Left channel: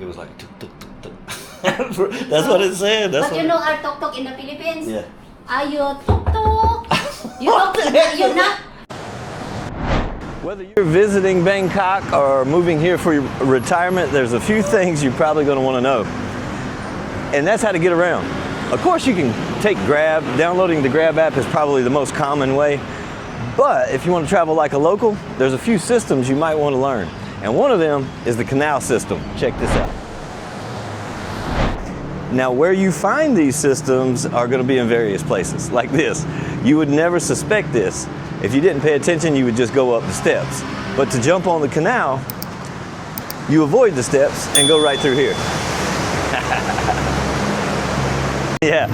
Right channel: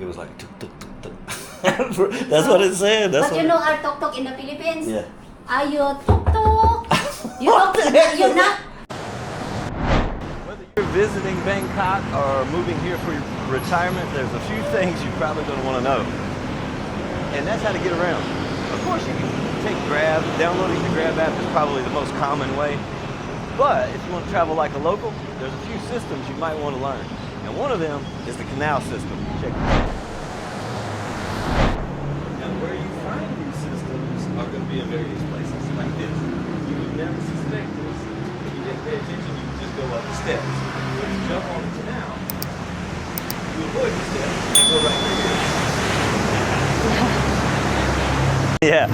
it was like tuk tuk tuk tuk. That's what it said. That's but what you know our tuk tuk in the Philippines? Yeah. Are you tuk tuk? You're not. Whether you're visiting Bangkok or moving here for your retirement, there's a few things you're probably going to want to know. And that's how to get around. Of course, you can take Grab. Downloading the Grab app is probably the most common way. But if you want to travel like a local, there's a few systems you might want to learn. And one of them is the Canal system. Check this out. Now, where you find these systems are going to be in various places, like this. You would never suspect this. If you didn't pay attention, you would just go up the steps. But to jump on the canal, you avoid the steps and go right through here. Yeah,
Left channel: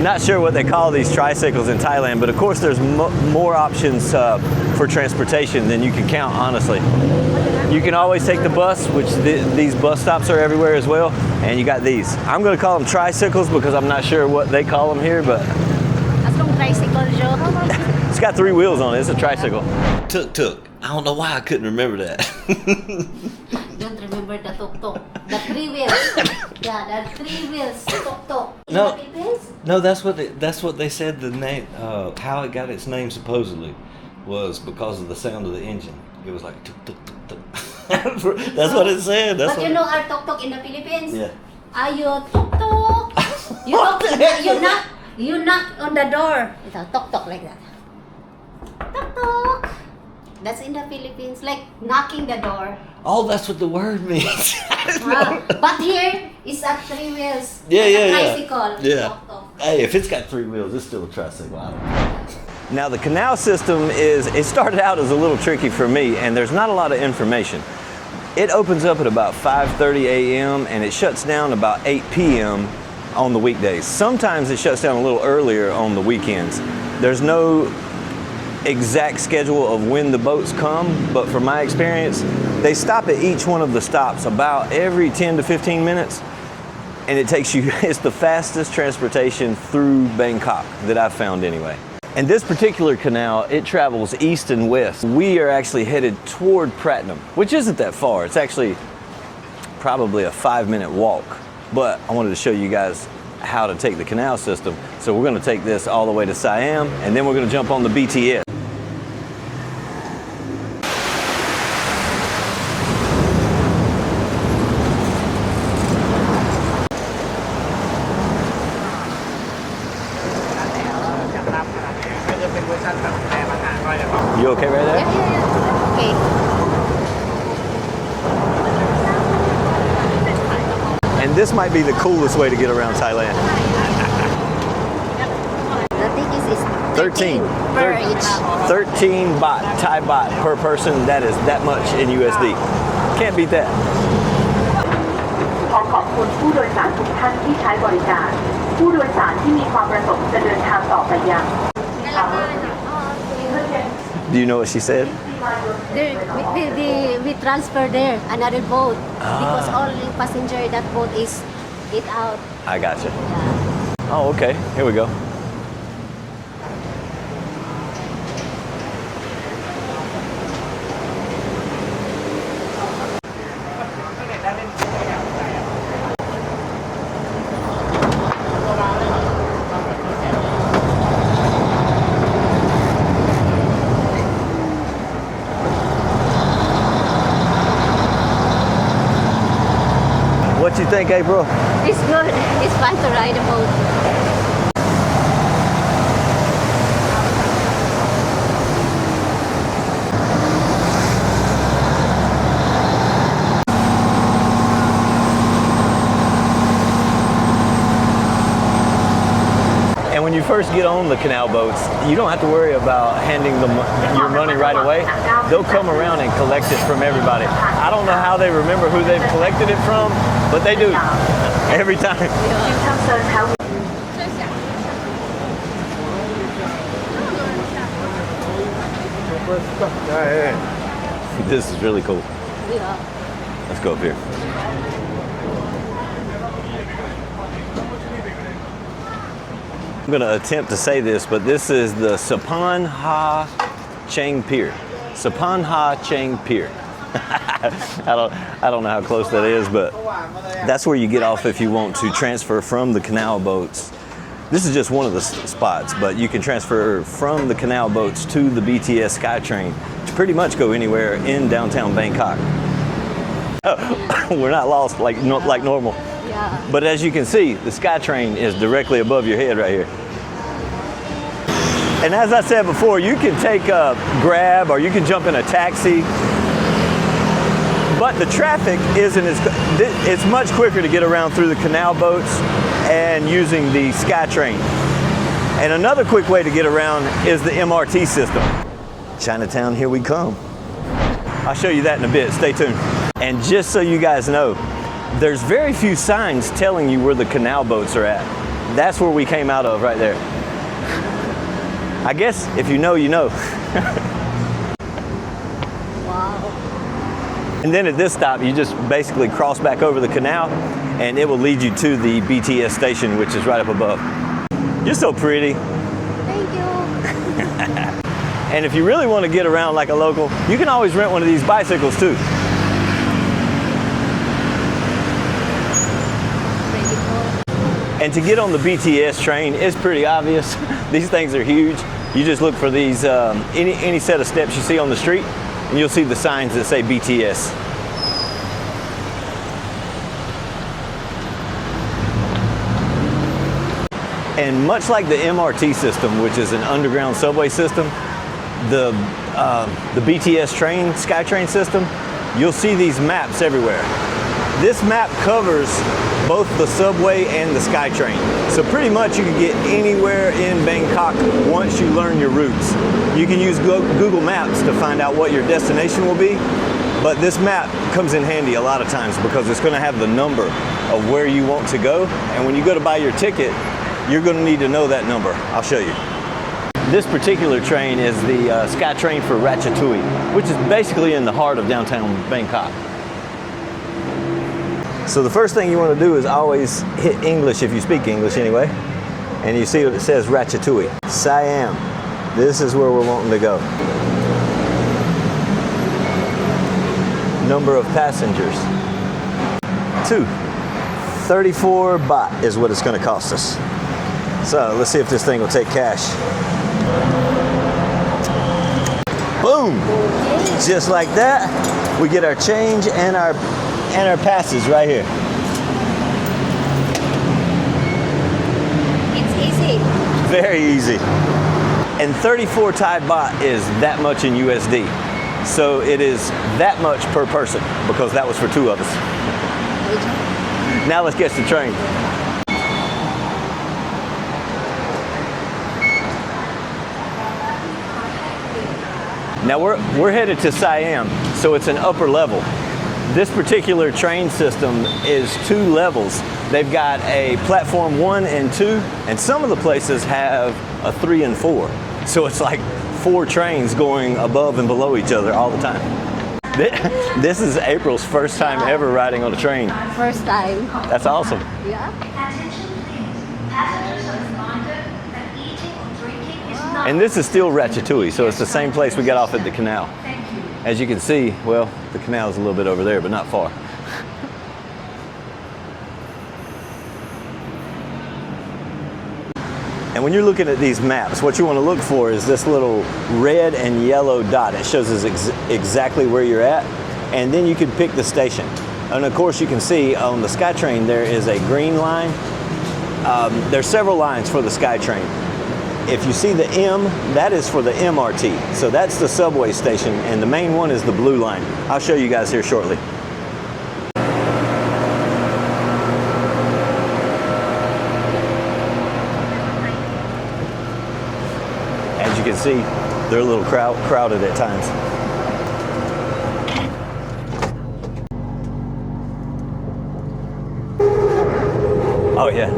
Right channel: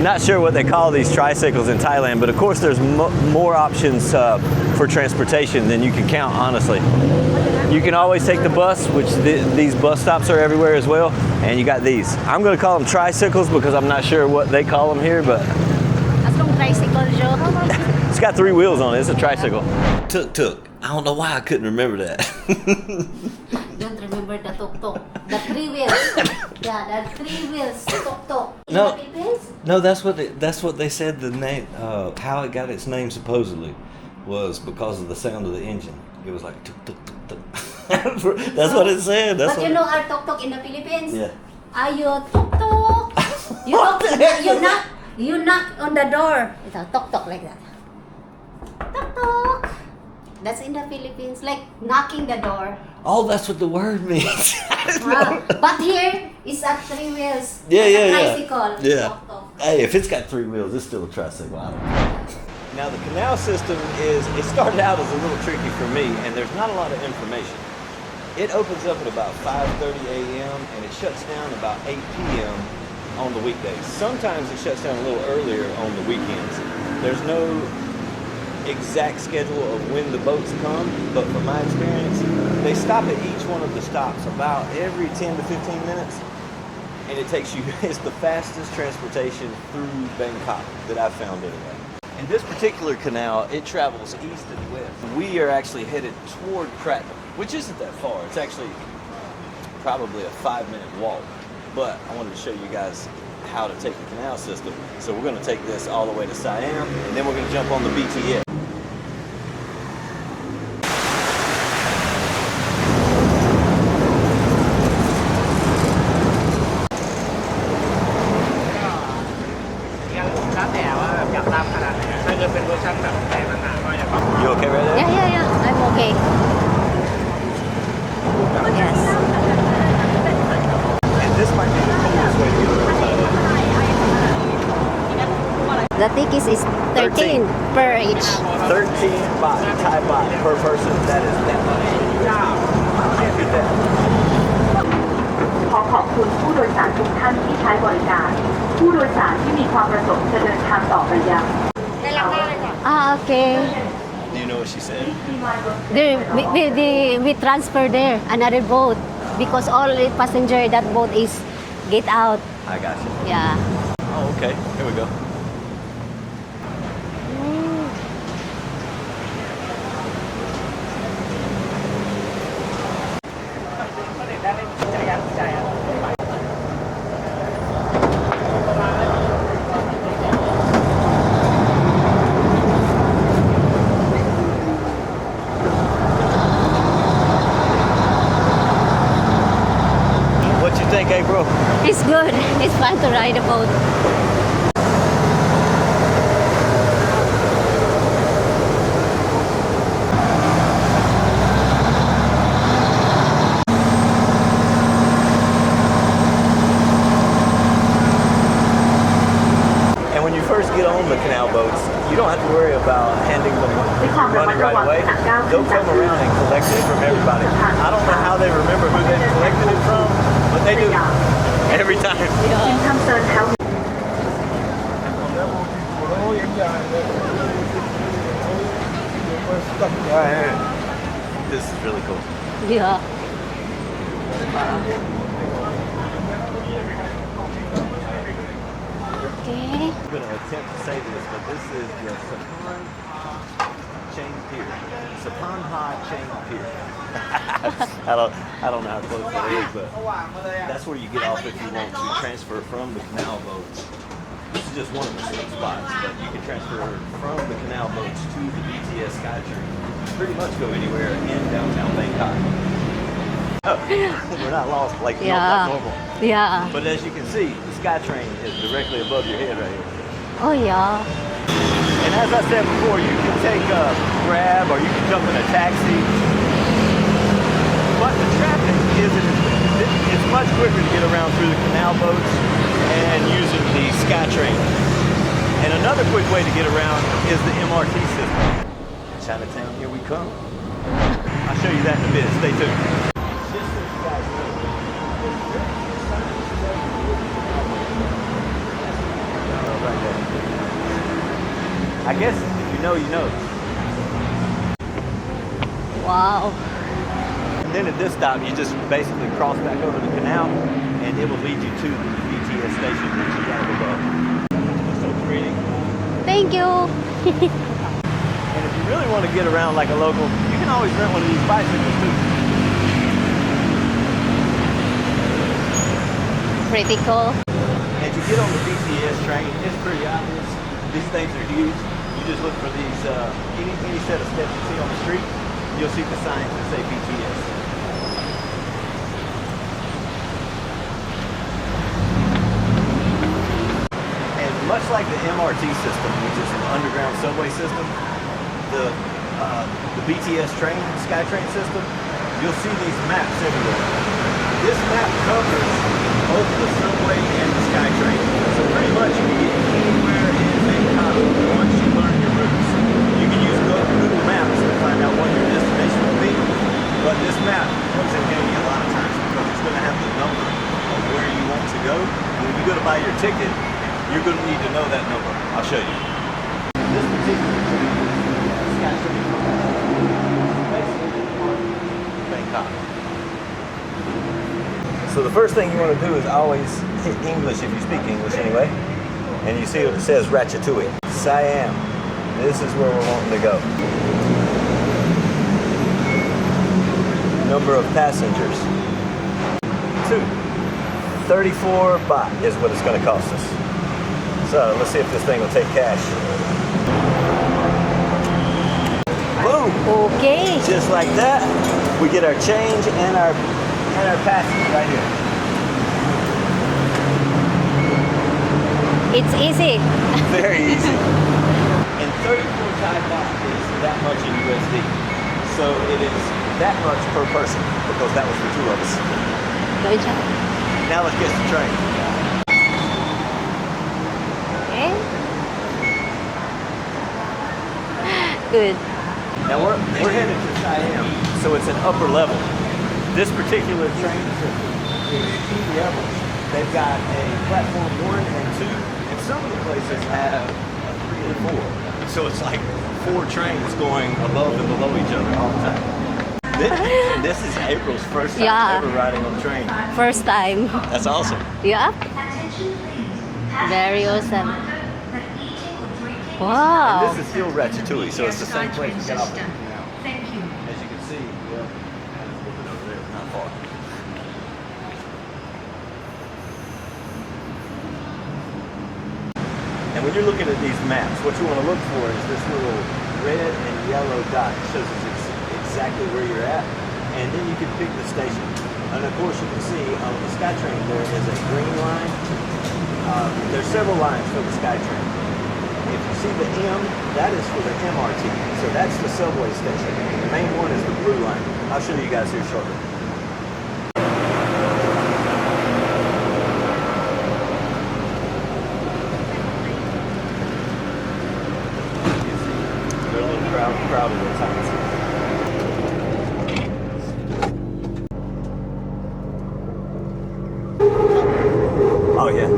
not sure what they call these tricycles in Thailand, but of course there's more options for transportation than you can count, honestly. You can always take the bus, which these bus stops are everywhere as well, and you got these. I'm going to call them tricycles because I'm not sure what they call them here, but it's got 3 wheels on it. It's a tricycle. Tuk. I don't know why I couldn't remember that. Don't remember the tuk tuk. The 3 wheels. Yeah, the 3 wheels tuk tuk. No. In the Philippines? No, that's what they said. The name, how it got its name supposedly, was because of the sound of the engine. It was like tuk tuk tuk tuk. That's what it said. That's but what you know our tuk tuk in the Philippines? Yeah. Are you tuk tuk? You knock on the door. It's a tuk tuk like that. Tuk tuk. That's in the Philippines, like knocking the door. Oh, that's what the word means. But here it's at 3 wheels. Yeah, like yeah, a yeah. tricycle. Yeah. Tuk tuk. Hey, if it's got 3 wheels, it's still a tricycle. I don't know. Now the Canal system it started out as a little tricky for me, and there's not a lot of information. It opens up at about 5:30 a.m. and it shuts down about 8 p.m. on the weekdays. Sometimes it shuts down a little earlier on the weekends. There's no exact schedule of when the boats come, but from my experience, they stop at each one of the stops about every 10 to 15 minutes, and it takes you, it's the fastest transportation through Bangkok that I've found anyway. And this particular canal, it travels east and west. We are actually headed toward Pratunam, which isn't that far. It's actually probably a 5-minute walk, but I wanted to show you guys how to take the canal system. So we're going to take this all the way to Siam, and then we're going to jump on the BTS. You okay right now? Yeah. I'm okay. And this might be the coolest way to get around Thailand. The ticket is 13 per each. 13 baht, Thai baht per person. That is that much in USD. Can't beat that. ขอขอบคุณผู้โดยสารทุกท่านที่ใช้บริการผู้โดยสารที่มีความประสงค์จะเดินทางต่อไปยัง Okay. Do you know what she said? We transfer there another boat because all the passenger in that boat is get out. I gotcha. Yeah. Oh, okay. Here we go. Bro. It's good. It's fun to ride a boat. And when you first get on the canal boats, you don't have to worry about handing them money right away. They'll come around and collect it from everybody. I don't know how they remember who they've collected it from, but they do every time. Alright, this is really cool. Yeah. Let's go up here. Okay. I'm going to attempt to say this, but this is the Sapan Ha Chang Pier. Sapan Ha Chang Pier. I don't know how close that is, but that's where you get off if you want to transfer from the canal boats. This is just one of the spots, but you can transfer from the canal boats to the BTS SkyTrain to pretty much go anywhere in downtown Bangkok. We're not lost like normal. Yeah. But as you can see, the SkyTrain is directly above your head right here. Oh yeah. And as I said before, you can take a Grab or you can jump in a taxi. But the traffic isn't it's much quicker to get around through the canal boats and using the SkyTrain. And another quick way to get around is the MRT system. Chinatown, here we come. I'll show you that in a bit, stay tuned. And just so you guys know, there's very few signs telling you where the canal boats are at. That's where we came out of right there. I guess if you know, you know. Wow. And then at this stop, you just basically cross back over the canal and it will lead you to the BTS station, which is right up above. You're so pretty. Thank you. And if you really want to get around like a local, you can always rent one of these bicycles too. Pretty cool. And to get on the BTS train, it's pretty obvious. These things are huge. You just look for these, any set of steps you see on the street, and you'll see the signs that say BTS. And much like the MRT system, which is an underground subway system, the BTS train, SkyTrain system, you'll see these maps everywhere. This map covers both the subway and the SkyTrain. So pretty much you can get anywhere in Bangkok once you learn your routes. You can use Google Maps to find out what your destination will be, but this map comes in handy a lot of times because it's going to have the number of where you want to go, and when you go to buy your ticket, you're going to need to know that number. I'll show you. This particular train is the SkyTrain for Ratchaturi, which is basically in the heart of downtown Bangkok. So the first thing you want to do is always hit English if you speak English anyway. And you see what it says, Ratchaturi, Siam. This is where we're wanting to go. Number of passengers, 2. 34 baht is what it's going to cost us. So let's see if this thing will take cash. Boom! Okay. Just like that, we get our change and our passes right here. It's easy. Very easy. And 34 Thai baht is that much in USD. So it is that much per person because that was for 2 of us. Now let's get to the train. Okay. Good. Now we're headed to Siam, so it's an upper level. This particular train system is 2 levels. They've got a platform 1 and 2, and some of the places have a 3 and 4. So it's like 4 trains going above and below each other all the time. This is April's first time ever riding on a train. First time. That's awesome. Yeah. Very awesome. Wow. And this is still Ratchaturi, so it's the same place we got off at the canal. As you can see, well, the canal is a little bit over there, but not far. And when you're looking at these maps, what you want to look for is this little red and yellow dot. It shows us exactly where you're at, and then you can pick the station. And of course, you can see on the SkyTrain there is a green line. There's several lines for the SkyTrain. If you see the M, that is for the MRT. So that's the subway station, and the main one is the blue line. I'll show you guys here shortly. As you can see, they're a little crowded at times. Oh yeah.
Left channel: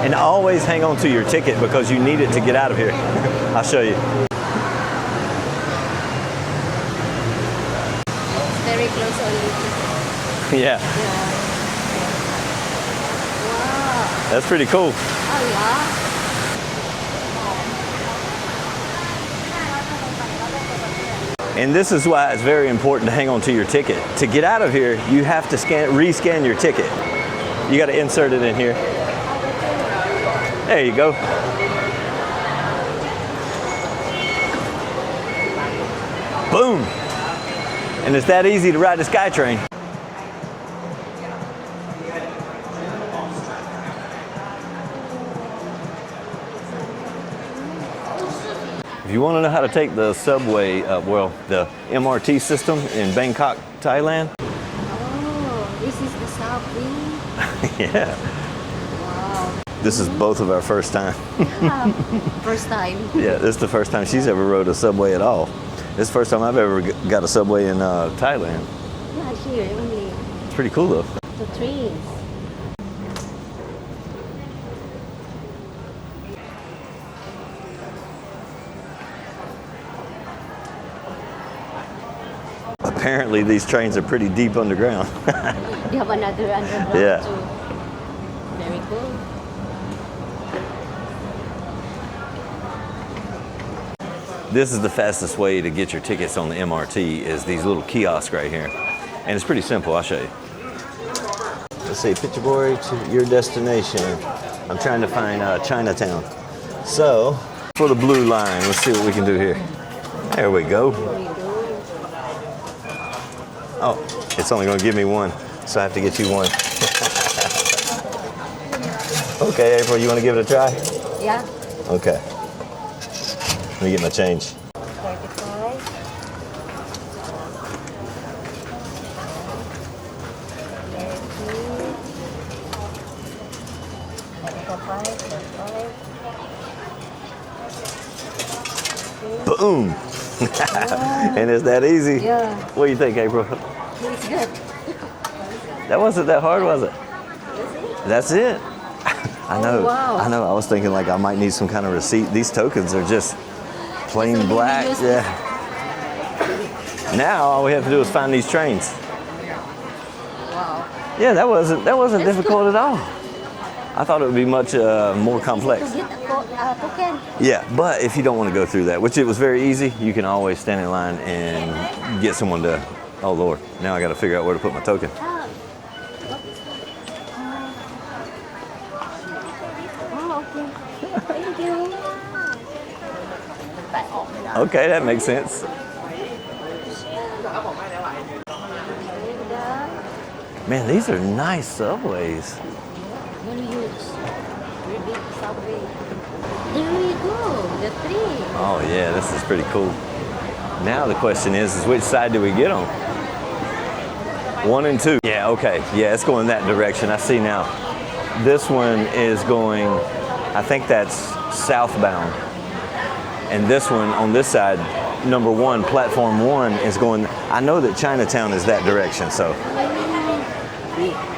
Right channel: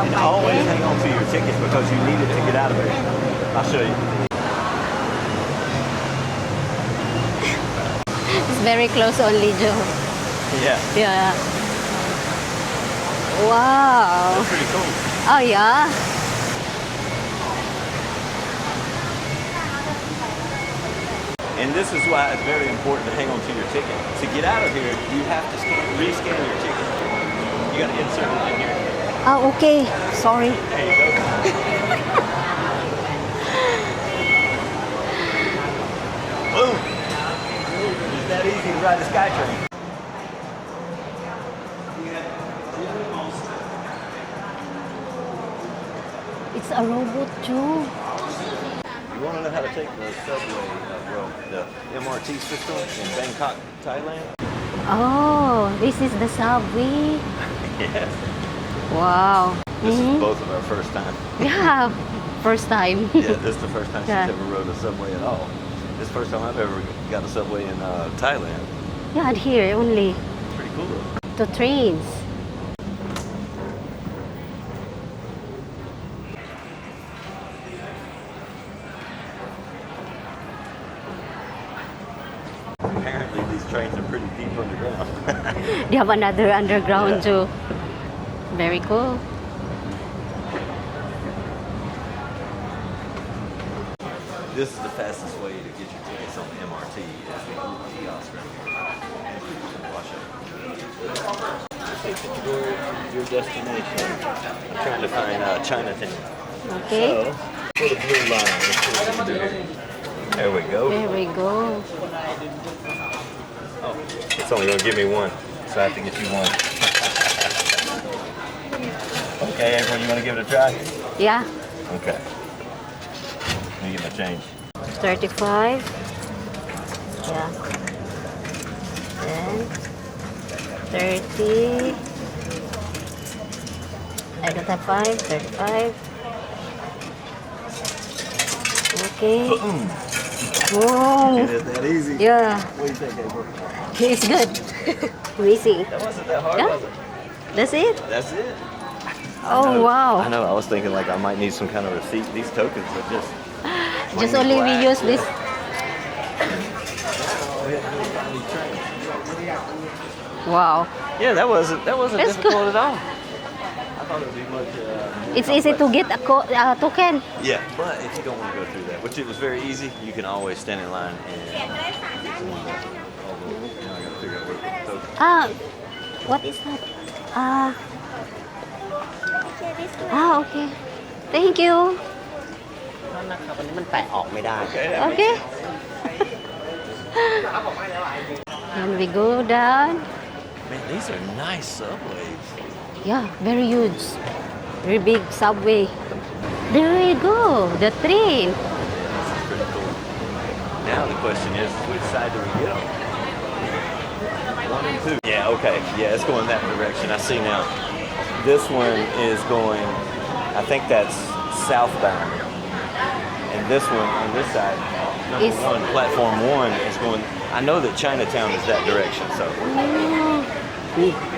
And always hang on to your ticket because you need it to get out of here. I'll show you. It's very close only, Joe. Yeah. Yeah. Wow. That's pretty cool. Oh yeah. And this is why it's very important to hang on to your ticket. To get out of here, you have to rescan your ticket. You got to insert it in here. Oh, okay. Sorry. There you go. Boom. And it's that easy to ride the SkyTrain. It's a robot too. If you want to know how to take the subway, the MRT system in Bangkok, Thailand. Oh, this is the subway. Yeah. Wow. This is both of our first time. Yeah, first time. Yeah, this is the first time she's Yeah. ever rode a subway at all. This is the first time I've ever got a subway in Thailand. Not here only. It's pretty cool though. The trains. Apparently these trains are pretty deep underground. They have another underground Yeah. too. Very cool. This is the fastest way to get your tickets on the MRT is these little kiosks right here. And it's pretty simple, I'll show you. Let's say Pitchboy to your destination. I'm trying to find Chinatown. So, for the blue line, let's see what we can do here. There we go. There we go. Oh, it's only gonna give me one, so I have to get you one. Okay, April, you wanna give it a try? Yeah. Okay. Let me get my change. 35. Yeah. And 30. 35. 35. Okay. Boom! Whoa. And it's that easy. Yeah. What do you think, April? It's good. Easy. That wasn't that hard, was it? That's it? That's it. Oh, wow. I know. I was thinking like I might need some kind of receipt. These tokens are just plain Just only black. we use this. Now all we have to do is find these trains. Wow. Yeah, that wasn't That's difficult cool. at all. I thought it would be much more It's complex. easy to get a token. Yeah, but if you don't want to go through that, which it was very easy, you can always stand in line and get someone to. Oh Lord! Now I got to figure out where to put my token. What is that? Okay. Thank you. Okay, that makes Okay. sense. And we go down. Man, these are nice subways. Yeah, very huge. Very big subway. There you go, the train. Oh yeah, this is pretty cool. Now the question is which side do we get on? 1 and 2. Yeah, okay. Yeah, it's going that direction. I see now. This one is going, I think that's southbound. And this one on this side, number 1, platform 1 is going, I know that Chinatown is that direction, so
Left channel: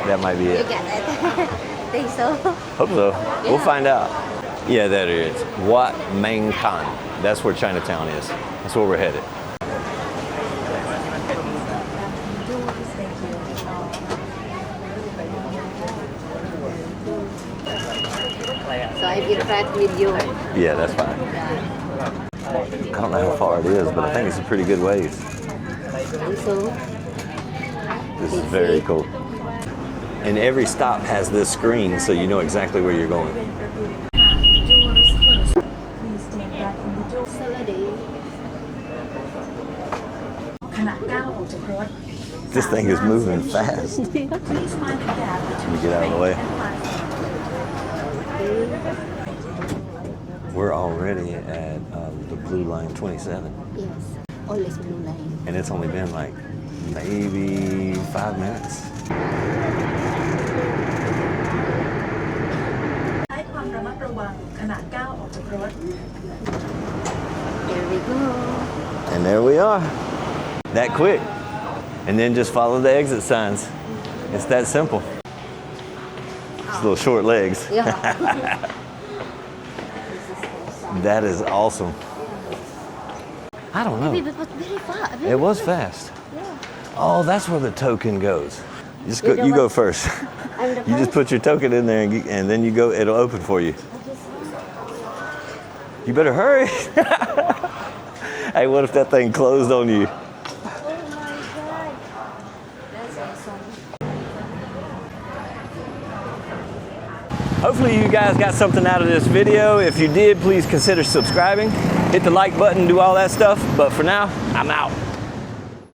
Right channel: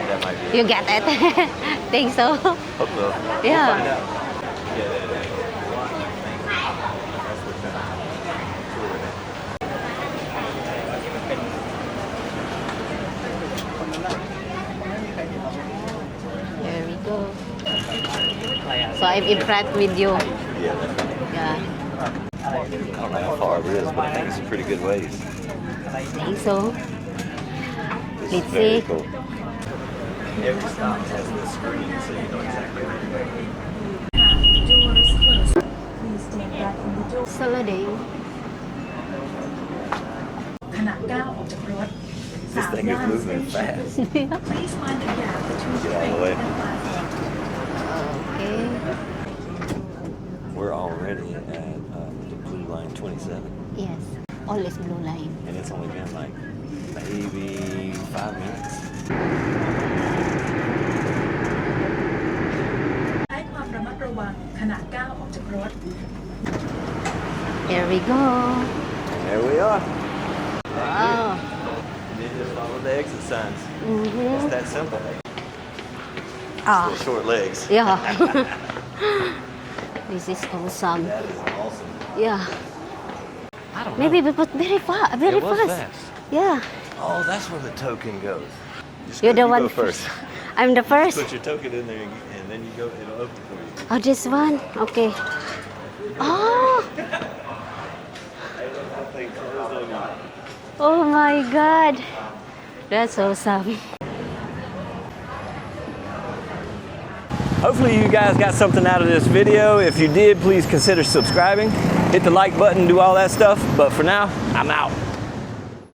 that might be You it. get it? Think so? Hope so. We'll Yeah. find out. Yeah, that is. Wat Mang Thai. That's where Chinatown is. That's where we're headed. There we go. So I'm in front with you. Yeah, that's fine. Yeah, I don't know how far it is, but I think it's a pretty good ways. I think so. This is Let's very see. cool. And every stop has this screen, so you know exactly where you're going. Saladin. ขณะก้าวออกจากรถ This thing is moving fast. Let me Please mind the gap between get out of the way. Okay. We're already at the Blue Line 27, Yes. Always blue line. and it's only been like maybe 5 minutes. ให้ความระมัดระวังขณะก้าวออกจากรถ Here we go. And there we are. That quick. And then just follow the exit signs. It's that simple. It's little short legs. Yeah. This is awesome. That is awesome. Yeah. I don't know. Maybe but very fast. Very It was fast. fast. Yeah. Oh, that's where the token goes. Just You're go, the you go one. first. I'm the You just first. put your token in there and then you go, it'll open for you. Oh, this one? Okay. You better hurry. Hey, what if that thing closed on you? Oh my God. That's awesome. Hopefully you guys got something out of this video. If you did, please consider subscribing. Hit the like button, do all that stuff. But for now, I'm out.